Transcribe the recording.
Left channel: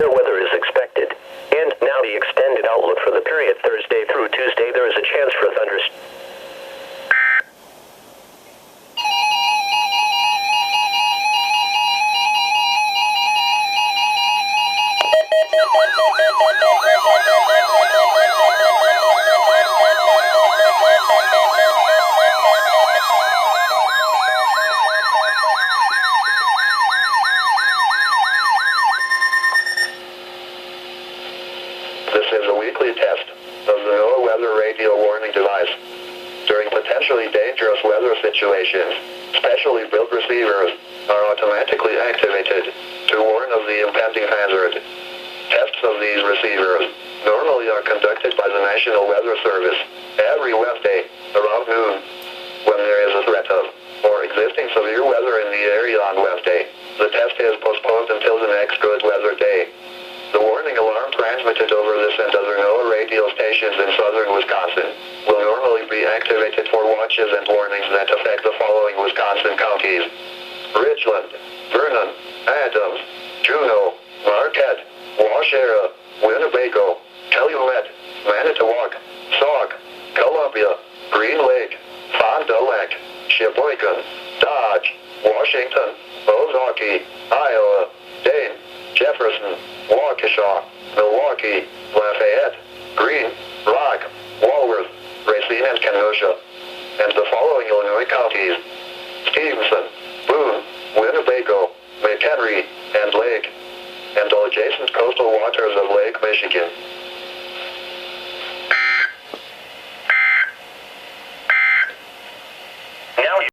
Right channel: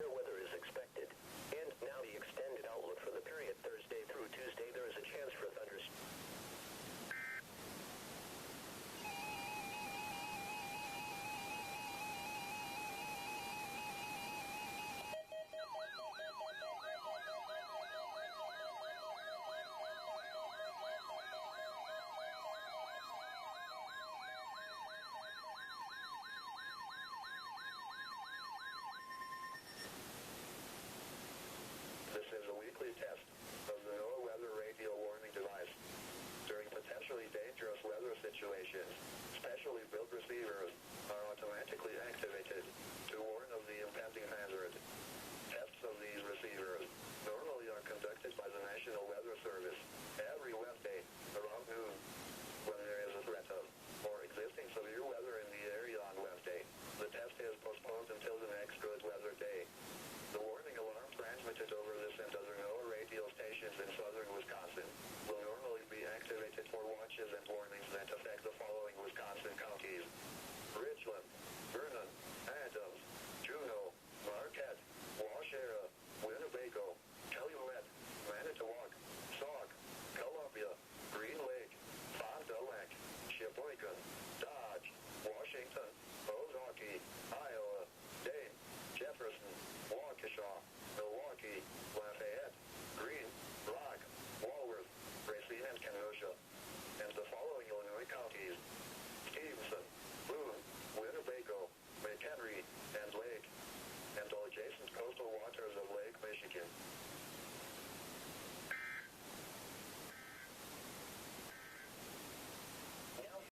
Weather is expected. And now the extended outlook for the period Thursday through Tuesday. There is a chance for thunderstorms. This is a weekly test of the NOAA weather radio warning device. During potentially dangerous weather situations, specially built receivers are automatically activated to warn of the impending hazard. Tests of these receivers normally are conducted by the National Weather Service every Wednesday around noon. When there is a threat of or existing severe weather in the area on Wednesday, the test is postponed until the next good weather day. The warning alarm transmitted over this and other NOAA radio stations in southern Wisconsin will normally be activated for watches and warnings that affect the following Wisconsin counties: Richland, Vernon, Adams, Juneau, Marquette, Waushara, Winnebago, Calumet, Manitowoc, Sauk, Columbia, Green Lake, Fond du Lac, Sheboygan, Dodge, Washington, Ozaukee, Iowa, Dane, Jefferson, Waukesha, Milwaukee, Lafayette, Greene, Rock, Walworth, Racine and Kenosha, and the following Illinois counties: Stevenson, Boone, Winnebago, McHenry, and Lake, and all adjacent coastal waters of Lake Michigan.